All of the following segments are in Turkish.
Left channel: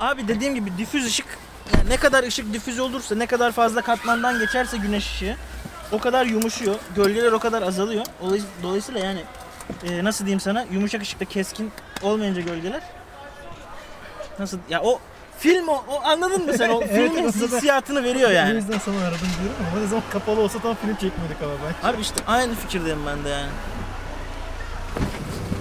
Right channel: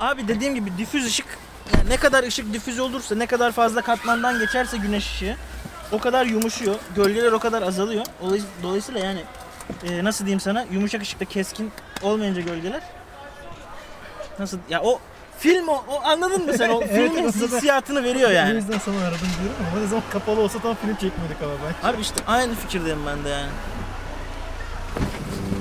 Abi dediğim gibi difüz ışık yani ne kadar ışık difüz olursa ne kadar fazla katmandan geçerse güneş ışığı o kadar yumuşuyor. Gölgeler o kadar azalıyor. Olay- Dolayısıyla yani e, nasıl diyeyim sana yumuşak ışıkta keskin olmayınca gölgeler nasıl ya o film o, o anladın mı sen o Evet, filmin hissiyatını veriyor O yani. yüzden sana aradım diyorum ama ne zaman kapalı olsa tam film çekmedik ama ben. Abi işte aynı fikirdeyim ben de yani.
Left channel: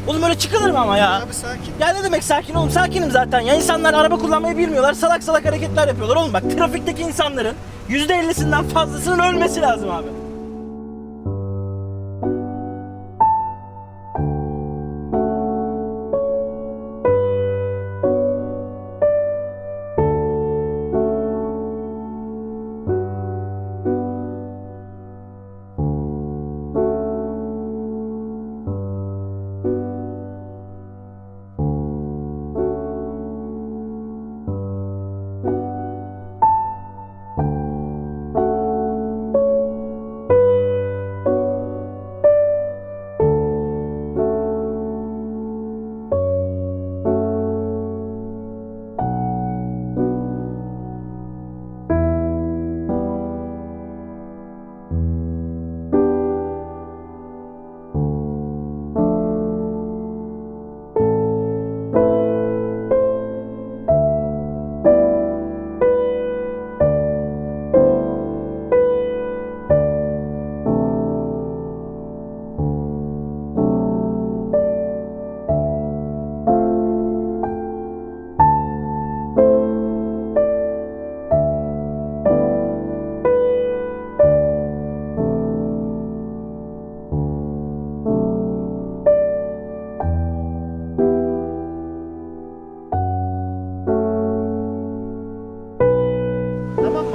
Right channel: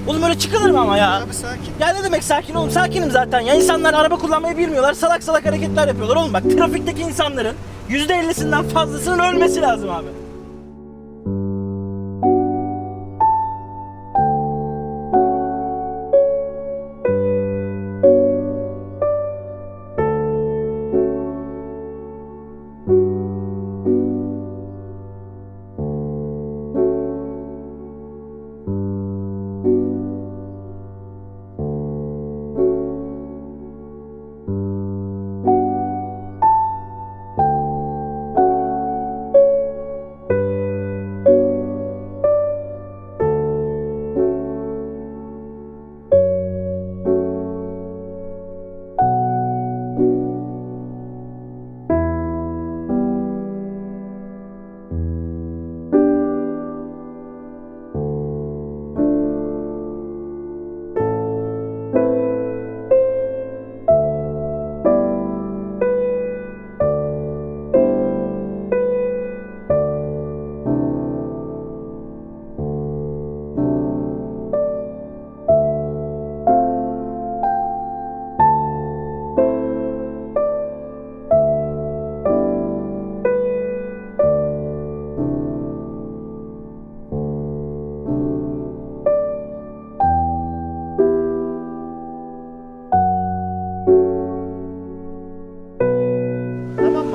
Oğlum öyle çıkılır mı ama ya? Abi sakin. Ya ne demek sakin oğlum? Sakinim zaten ya. İnsanlar araba kullanmayı bilmiyorlar. Salak salak hareketler yapıyorlar oğlum. Bak trafikteki insanların %50'sinden fazlasının ölmesi lazım abi.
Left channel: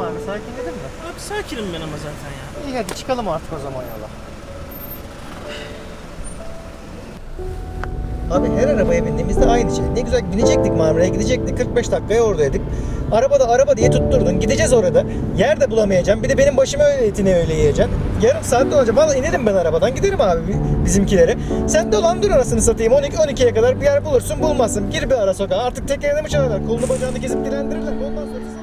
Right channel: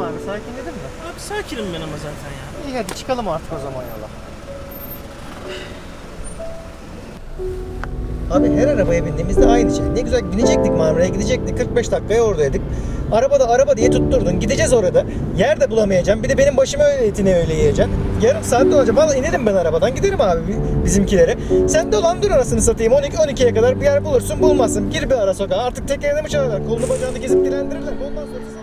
Abi sakinledin mi? Abi sakinim ben ama zaten ya. İyi hadi çıkalım artık o zaman yola. Abi her arabaya bindiğimizde aynı şey. Ne güzel binecektik Marmara'ya gidecektik. 45 dakikaya oradaydık. Arabada araba diye tutturdun. Gideceğiz orada. Yer de bulamayacağım. Bir de benim başıma öyle etini öyle yiyeceksin. Yarım saat olacak. Valla inerim ben arabadan. Giderim abi bi- bizimkilere. Sen de olan dur arasını satayım. 12 12'ye kadar bir yer bulursun bulmazsın. Gir bir ara sokağa. Artık tekerine mi çalarlar? Kolunu bacağını gezip dilendirirler. Ondan sonra.